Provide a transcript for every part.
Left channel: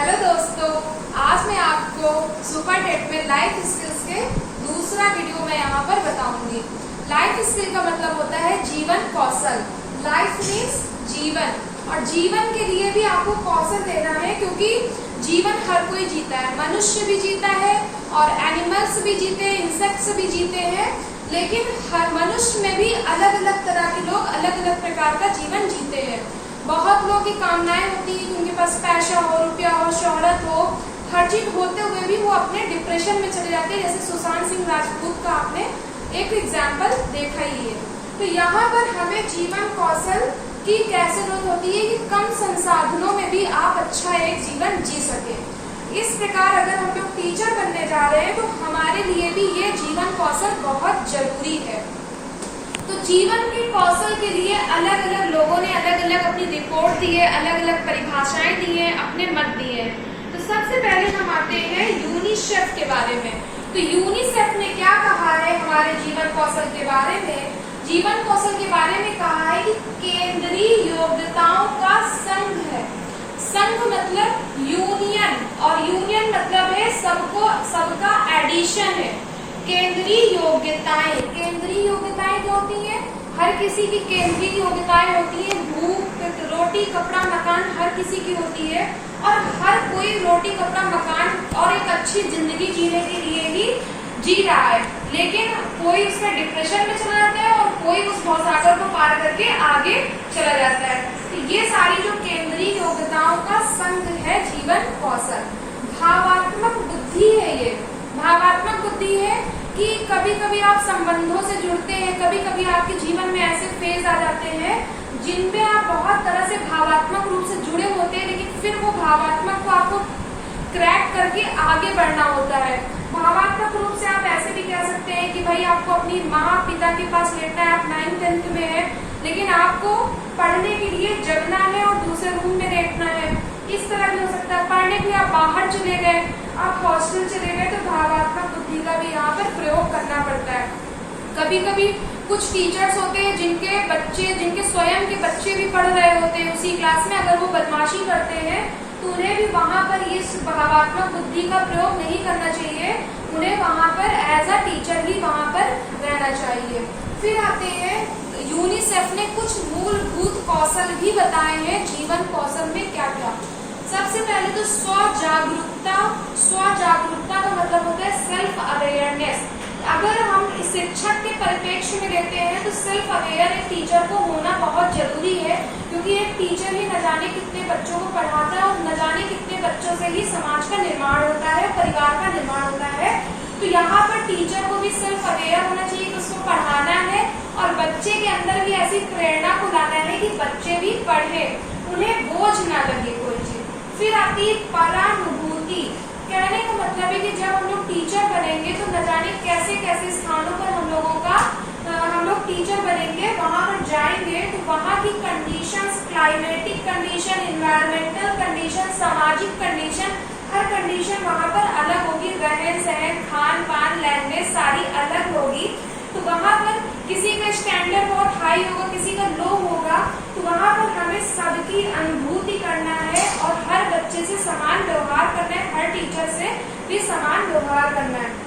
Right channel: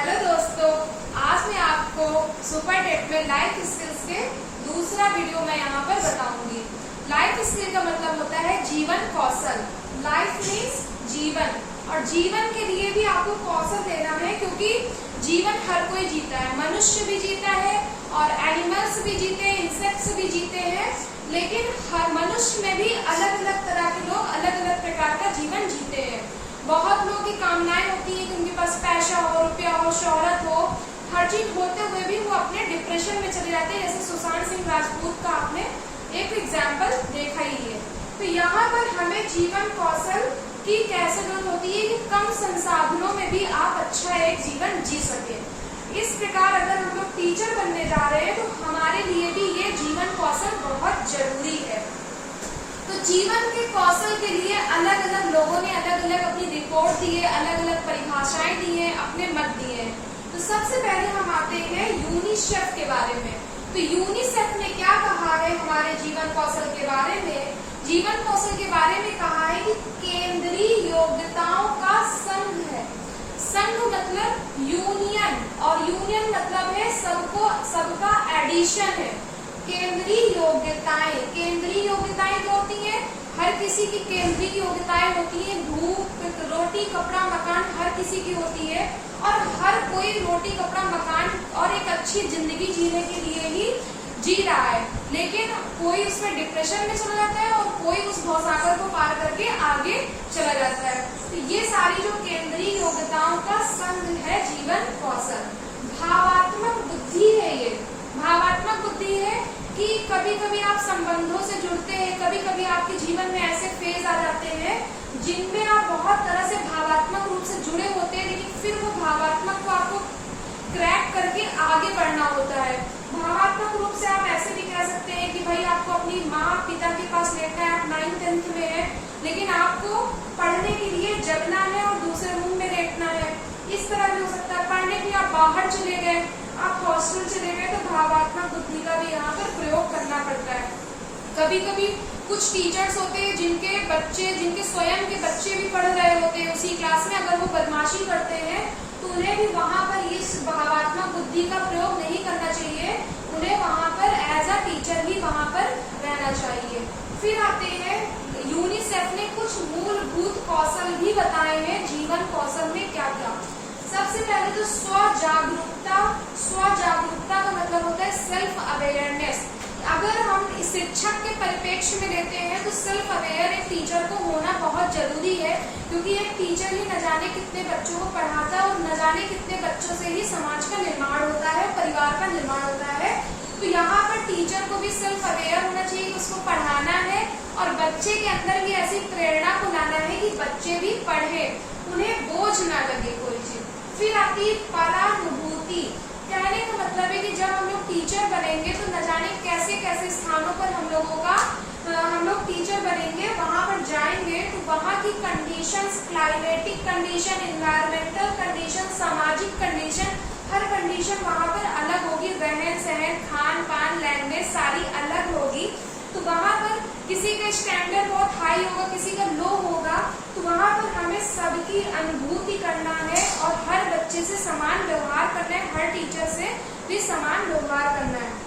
Hello दोस्तों, आज मैं आपको सुपर टेट में लाइफ स्किल्स के दूसरा वीडियो मैं यहाँ पर बताऊंगी। लाइफ स्किल का मतलब होता है जीवन कौशल। लाइफ मीन्स जीवन, और जीवन के लिए भी आपको कौशल देना है, क्योंकि जीवन हर कोई जीता है। मनुष्य भी जीता है और एनिमल्स भी जीते हैं, इंसेक्ट्स भी जीते हैं, लेकिन हर मनुष्य में भी अलग अलग तरह के लोग अलग अलग प्रकार का जीवन जीते हैं। बहुत लोगों की कामनाएं होती है कि उनके पास पैसा हो, रुपया हो, शोहरत हो, हर चीज होते हुए भी वो अपने डिप्रेशन में चले जाते हैं। जैसे सुशांत सिंह राजपूत का आपने एक एग्जाम्पल देखा ही है। तो यहाँ पर हमें जीवन कौशल की कैसे जरूरत होती है कि कम संसाधनों में भी आप अच्छा एक जीवन जी सके। इस प्रकार अगर हम लोग टीचर बनने जा रहे हैं तो हमारे लिए भी ये जीवन कौशल बहुत जरूरी है। तो जीवन के कौशल के लिए अलग अलग लोगों ने अलग अलग अपनी रिपोर्ट दी है, अलग अलग परिभाषाएं दी है, अपने मत दिए। तो सबसे पहले हम आते हैं यूनिसेफ के बारे में। तो यूनिसेफ ने क्या कहा है हमारे जीवन कौशल के बारे में? जीवन कौशल के बारे में कहा है कि केंद्रीय योग्यताओं का संघ है। संघ मतलब यूनियन, और यूनियन मतलब है सबका एडिशन है। केंद्रीय योग्यताएं, केंद्रीय योग्यताएं क्या होती हैं? हर किसी की केंद्रीय योग्यताएं होती हैं। भूख, रोटी, कपड़ा, मकान हर किसी की होती है, और हर कोई रोटी, कपड़ा, मकान और एक अच्छी जिंदगी जीने के लिए ही जी रहा है। लेकिन कोई उसमें डिप्रेशन में चला जाता है और कोई उस भवसागर को पार करके आगे चला जाता है। तो ये सारी जो केंद्रीय योग्यताओं का संघ है जीवन कौशल। भावात्मक बुद्धि है ये। भावात्मक बुद्धि है कि कभी कभी आप संबंधों से जुड़ते हैं, कभी कभी आपके जीवन में ऐसे फेज आ जाते हैं जिनमें आप बहुत तरह से भावात्मक रूप से जुड़े होते हैं, लेकिन फिर वो भावात्मक को आपको क्रैक करके आगे बढ़ना होता है। भावात्मक रूप से आप ऐसे भी कह सकते हैं कि भाई आपको अपनी माँ पिता के पास लेटना है, आप 9th-10th में है, लेकिन आपको पढ़ने के लिए जगना है और दूसरे रूम में लेटना है। इस तरह भी हो सकता है। पढ़ने के लिए आप बाहर चले गए, आप हॉस्टल चले गए, तो भावात्मक बुद्धि का भी यहाँ पर प्रयोग करना पड़ता है। कभी कभी कुछ टीचर्स होते हैं जिनके स्वयं के बच्चे भी पढ़ रहे होते हैं उसी क्लास में, अगर वो बदमाशी करते हैं तो उन्हें भी वहाँ पर इस भावात्मक बुद्धि का प्रयोग नहीं करना चाहिए। उन्हें वहाँ पर एज अ टीचर ही वहाँ पर रहना चाहिए। फिर आते हैं यूनिसेफ ने कुछ मूलभूत कौशल भी बताए हैं जीवन कौशल में क्या क्या। सबसे पहले तो स्वजागरूकता। स्वजागरूकता का मतलब होता है सेल्फ अवेयरनेस। अगर हम शिक्षक के परिप्रेक्ष्य में लेते हैं तो सेल्फ अवेयर एक टीचर को होना बहुत जरूरी है, क्योंकि एक टीचर ही न जाने कितने बच्चों को पढ़ाता है और न जाने कितने बच्चों से ही समाज का निर्माण होता है, परिवार का निर्माण होता है। तो यहाँ पर टीचर को भी सेल्फ अवेयर होना चाहिए कि उसको पढ़ाना है, और बच्चे के अंदर भी ऐसी प्रेरणा को लाना है कि बच्चे भी पढ़े, उन्हें बोझ ना लगे कोई चीज। फिर आती है परानुभूति। कहने का मतलब है कि जब हम लोग टीचर बनेंगे तो न जाने कैसे कैसे स्थानों पर हम लोग टीचर बनेंगे, वहां पर जाएंगे तो वहां की conditions, climatic condition, environmental condition, सामाजिक कंडीशन, हर कंडीशन वहां पर अलग होगी। रहन सहन, खान पान, लैंग्वेज सारी अलग होगी। तो वहां पर किसी का स्टैंडर्ड बहुत हाई होगा, किसी का लो होगा, तो वहां पर हमें सबकी अनुभूति करना है और हर बच्चे से समान व्यवहार करना है, हर टीचर से भी समान व्यवहार करना है।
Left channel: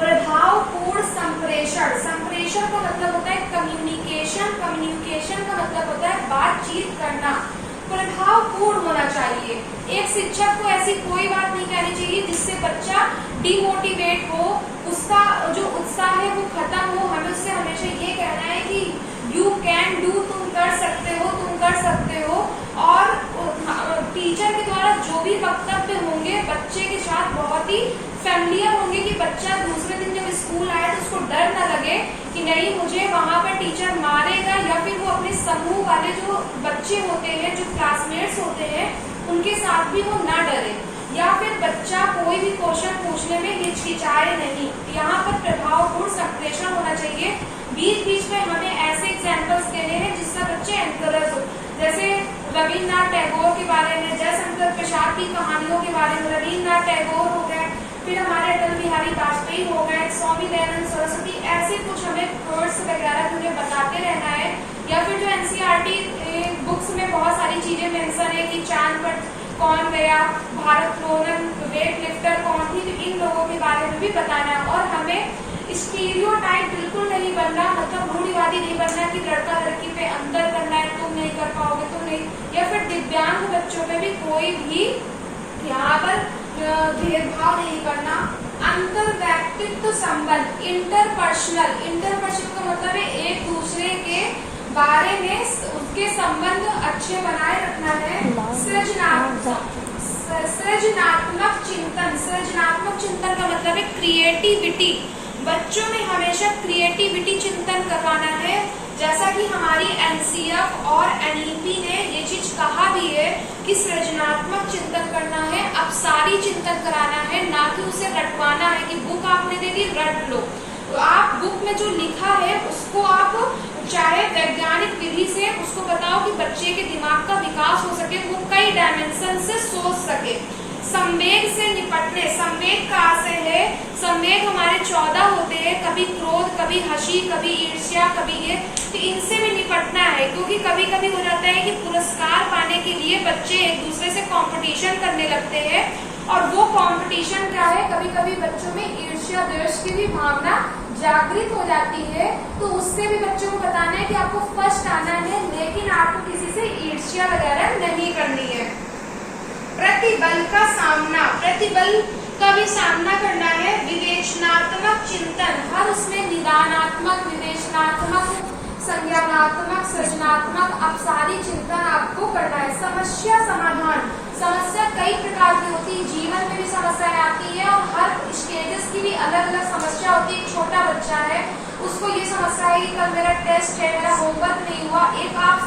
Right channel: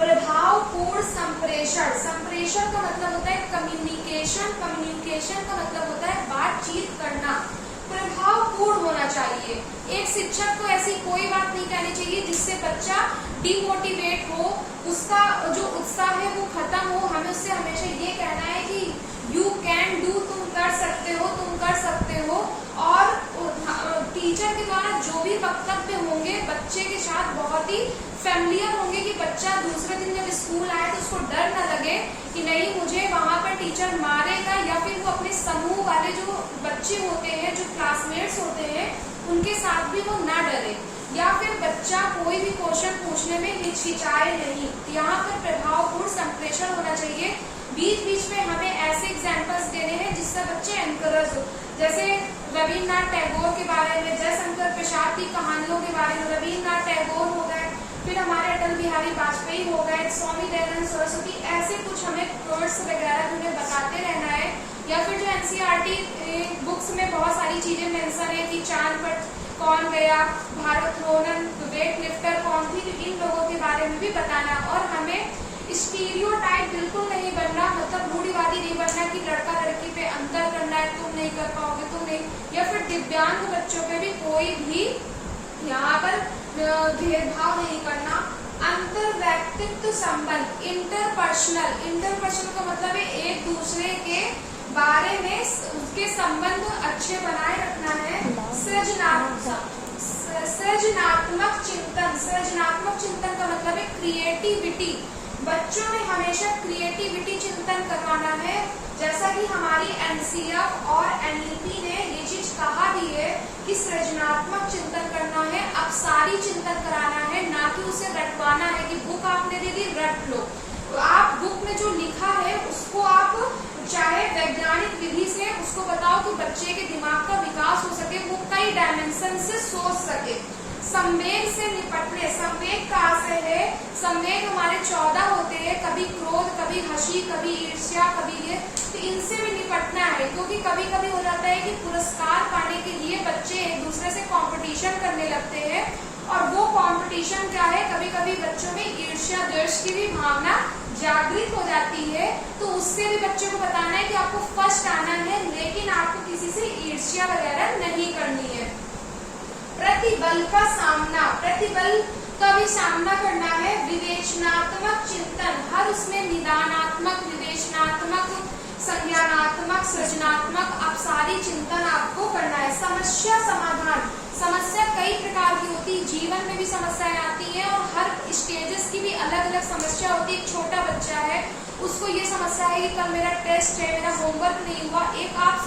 प्रभावपूर्ण संप्रेषण। संप्रेषण का मतलब होता है कम्युनिकेशन। कम्युनिकेशन का मतलब होता है बातचीत करना। प्रभावपूर्ण होना चाहिए। एक शिक्षक को ऐसी कोई बात नहीं कहनी चाहिए जिससे बच्चा डिमोटिवेट हो, उसका जो उत्साह है वो खत्म हो। हमें उससे हमेशा ये कहना है कि यू कैन डू, तुम कर सकते हो, तुम कर सकते हो। और टीचर के द्वारा जो भी वक्तव्य होंगे बच्चे के साथ बहुत ही फैमिलियर होंगे, कि बच्चा दूसरे दिन जब स्कूल आए तो उसको डर न लगे कि नहीं मुझे वहां पर टीचर मारेगा, या फिर वो अपने समूह वाले जो बच्चे होते हैं, जो क्लासमेट्स होते हैं, उनके साथ भी वो ना डरे, या फिर बच्चा कोई भी क्वेश्चन पूछने में हिचकिचाए नहीं। यहाँ पर प्रभावपूर्ण संप्रेषण होना चाहिए। बीच बीच में हमें ऐसे एग्जाम्पल्स देने हैं जिससे बच्चे एनकरेज हो। जैसे रविन्द्रनाथ टैगोर के बारे में, जयशंकर प्रसाद की कहानियों के बारे में। रविन्द्रनाथ टैगोर हो गए, फिर हमारे अटल बिहारी वाजपेयी हो गए, स्वामी दयानंद सरस्वती, ऐसे कुछ हमें कोर्स वगैरह उन्हें बताते रहना है। या फिर जो एनसीईआरटी बुक्स में बहुत सारी चीजें मेंशन है कि चांद पर कौन गया, भारोत्तोलन वेट लिफ्टर कौन थी, इन लोगों के बारे में भी बताना है। और हमें स्टीरियोटाइप बिल्कुल नहीं बनना, मतलब रूढ़िवादी नहीं बनना कि लड़का लड़की पे अंतर करना है, तुम नहीं कर पाओगे, तुम नहीं, या फिर दिव्यांग बच्चों पे भी कोई भी यहाँ पर भेदभाव नहीं करना। अंतर व्यक्तित्व संबंध, इंटरपर्सनल, इंटरपर्सनल का मतलब है एक दूसरे के बारे में उसके संबंध अच्छे बनाए रखना है। सृजनात्मक चिंतन, सृजनात्मक चिंतन का मतलब है क्रिएटिविटी, बच्चों में हमेशा क्रिएटिविटी चिंतन करवाना है। जैसा कि हमारी एनसीएफ और एनईपी ने ये चीज कहा भी है कि सृजनात्मक चिंतन करना है, अपसारी चिंतन कराना है, ना कि उसे रटवाना है कि बुक आपने दे दी रट लो। तो आप बुक में जो लिखा है उसको आप चाहे वैज्ञानिक विधि से उसको बताओ कि बच्चे के दिमाग का विकास हो सके, वो कई डायमेंशन से सोच सके। संवेग से निपटने, संवेग का आशय है, संवेग हमारे 14 होते हैं, कभी क्रोध, कभी हंसी, कभी ईर्ष्या, कभी ये, तो इनसे भी निपटना है। क्योंकि कभी कभी हो जाता है कि पुरस्कार पाने के लिए बच्चे एक दूसरे से कंपटीशन करने लगते हैं, और वो कंपटीशन क्या है, कभी कभी बच्चों में ईर्ष्या द्वेष की भी भावना जागृत हो जाती है। तो उससे भी बच्चों को बताना है कि आपको फर्स्ट आना है, लेकिन आपको किसी से ईर्ष्या वगैरह नहीं करनी है। प्रतिबल का सामना, प्रतिबल का भी सामना करना है। विवेचनात्मक चिंतन, हर उसमें निदानात्मक, विवेचनात्मक, संज्ञानात्मक, सृजनात्मक, अपसारी चिंतन आपको करना है। समस्या समाधान, समस्या कई प्रकार की होती है, जीवन में भी समस्याएं आती हैं और हर स्टेजेस की भी अलग अलग समस्या होती है। एक छोटा बच्चा है, उसको ये समस्या है कि कल मेरा टेस्ट है, मेरा होमवर्क नहीं हुआ, एक आप